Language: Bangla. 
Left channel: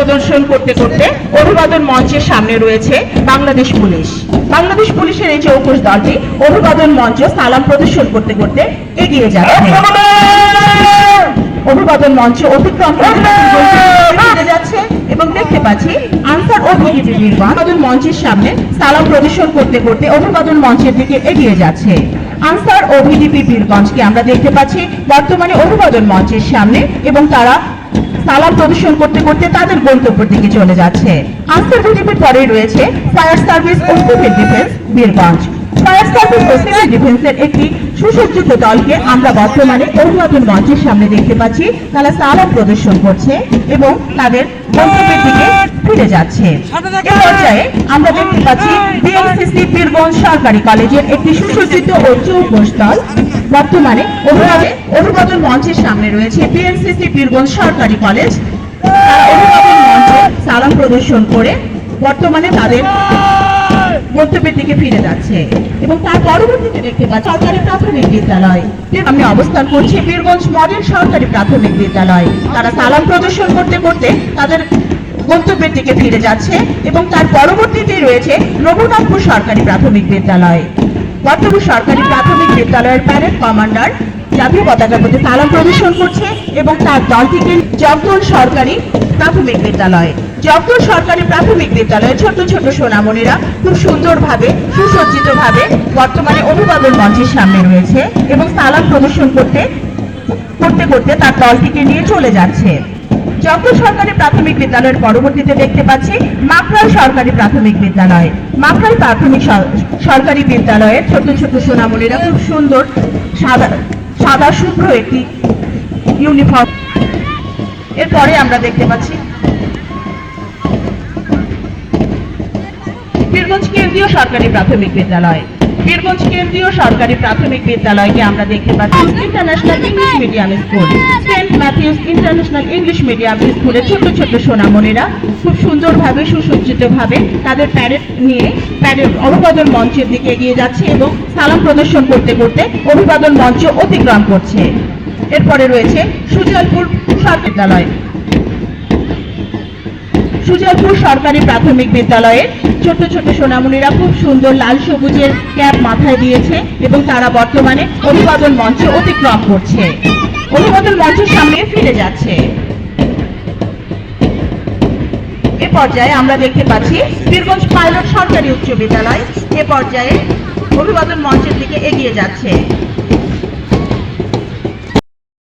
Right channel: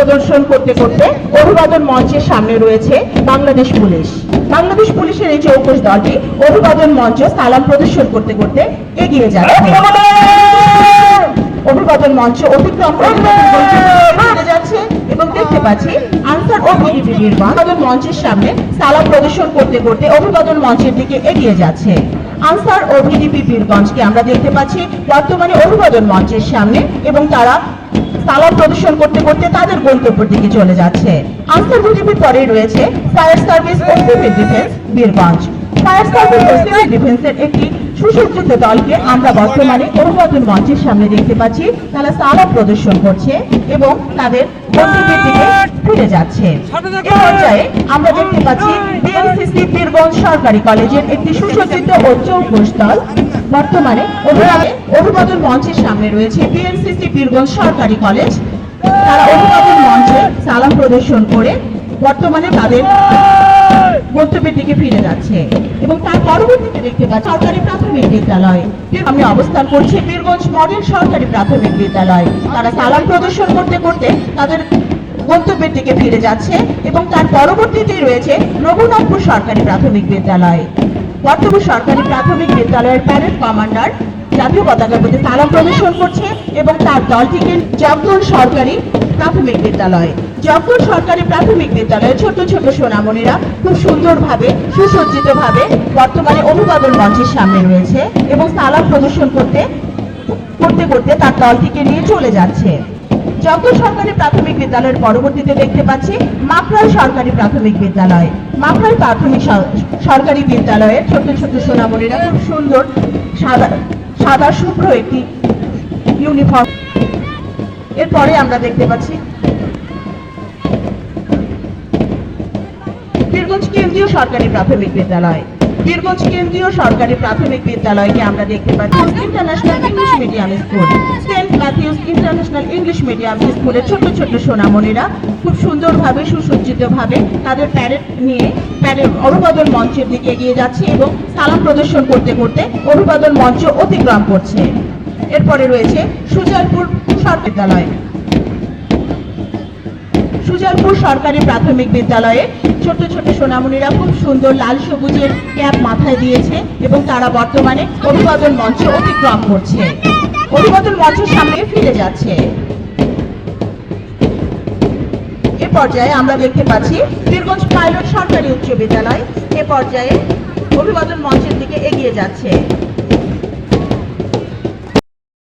প্রদর্শন করতে করতে অভিবাদন মঞ্চের সামনে রয়েছে বাংলাদেশ পুলিশ। বাংলাদেশ পুলিশের এই চৌকস দলটি অভিবাদন মঞ্চে সালাম প্রদর্শন করতে করতে এগিয়ে যাচ্ছে। অভিবাদন মঞ্চে অতিক্রম করে যাচ্ছে এবং দেখতে পাচ্ছি আনসার ও ভিডিপির অভিবাদন মঞ্চের সামনে সালাম প্রদর্শন করতে করতে অভিবাদন মঞ্চের দিকে এগিয়ে যাচ্ছে। আনসার ও ভিডিপি বীরগঞ্জকে আমরা দেখতে পাচ্ছি বর্তমানে অভিবাদন মঞ্চের সামনে এবং তারা সালাম প্রদর্শন করতে করতে তাদের গন্তব্যের দিকে চলে যাচ্ছে। আনসার ভিডিপির পরেই রয়েছে ফায়ার সার্ভিস ও civil defence Birganj. Fire service ও সিভিল ডিফেন্সের একটি সুসজ্জিত দলকে আমরা বর্তমানে অভিবাদন মঞ্চের সামনে দেখতে পাচ্ছি। তারা সালাম প্রদর্শন করছে এবং তাদের গন্তব্যের দিকে ফিরে যাচ্ছে। এই পর্যায়ে আমরা দেখতে পাচ্ছি বিএনসিসি বীরগঞ্জ সরকারি কলেজের একটি সুসজ্জিত ও চৌকস দল বর্তমানে অভিবাদন মঞ্চের সামনে রয়েছে বিএনসিসি বীরগঞ্জ সরকারি কলেজ। তারা অভিবাদন মঞ্চে সালাম প্রদর্শন করে বর্তমানে তাদের গন্তব্যের দিকে ফিরে যাচ্ছে এবং তার পরবর্তীতে দেখতে পাচ্ছি সরকারি প্রাথমিক বিদ্যালয় আমি অবস্থান করছি বীরগঞ্জ মডেল সরকারি প্রাথমিক বিদ্যালয়। তারা সালাম প্রদর্শন করতে করতে তাদের গন্তব্যের দিকে ফিরে যাচ্ছে এবং তার পরবর্তীতে রয়েছে রঘুনাথপুর সরকারি প্রাথমিক বিদ্যালয়। বর্তমান সরকারি প্রাথমিক বিদ্যালয়ের প্যারেড কমান্ডার জাতীয় পতাকার প্রতি সালাম প্রদর্শন করছে এবং তার দলটিকে জগদল সরকারি প্রাথমিক বিদ্যালয়। জগদল সরকারি প্রাথমিক বিদ্যালয়ের ছোট ছোট সোনামণিরা খুব সুন্দরভাবে সুসজ্জিতভাবে বর্তমানে অভিবাদন মঞ্চের সামনে রয়েছে এবং সালাম প্রদর্শন করতে করতে তার দলটিকে নিয়ে চলে যাচ্ছে। জগদল সরকারি প্রাথমিক বিদ্যালয়ের পরবর্তীতে দেখতে পাচ্ছি মাকড়াল সরকারি প্রাথমিক বিদ্যালয়। মাকড়াল প্রাথমিক সরকারি বিদ্যালয়ের ছোট ছোট সোনামণিরা খুব সুন্দর সাদা শুভ্র একটি ইউনিফর্ম। এরপরে আমরা দেখতে পাচ্ছি বীরগঞ্জ কেন্দ্রীয় সরকারি প্রাথমিক বিদ্যালয়। বীরগঞ্জ কেন্দ্রীয় সরকারি প্রাথমিক বিদ্যালয়কে আমরা দেখতে পাচ্ছি international English medium school. Saint Matthews international English medium স্কুলের ছোট ছোট সোনামণিরা খুব সুন্দরভাবে সুসজ্জিতভাবে তাদের প্যারেড নিয়ে অভিবাদন মঞ্চের দিকে এগিয়ে যাচ্ছে এবং সালাম প্রদর্শন করতে করতে অভিবাদন মঞ্চ অতিক্রম করছে। এরপরে রয়েছে সুজলপুর বিদ্যালয়। সুজলপুর সরকারি প্রাথমিক বিদ্যালয়ে ছোট ছোট সোনামণিরা খুব সুন্দর লাল সবুজের ক্যাপ মাথায় দিয়েছে এবং তারা বর্তমানে অভিবাদন মঞ্চ অতিক্রম করছে। অভিবাদন মঞ্চের সামনে ফিরে যাচ্ছে। এ পর্যায়ে আমরা দেখতে পাচ্ছি বীরগঞ্জ পাইলট সরকারি উচ্চ বিদ্যালয় এ পর্যায়ে অভিবাদন মঞ্চের দিকে এগিয়ে যাচ্ছে।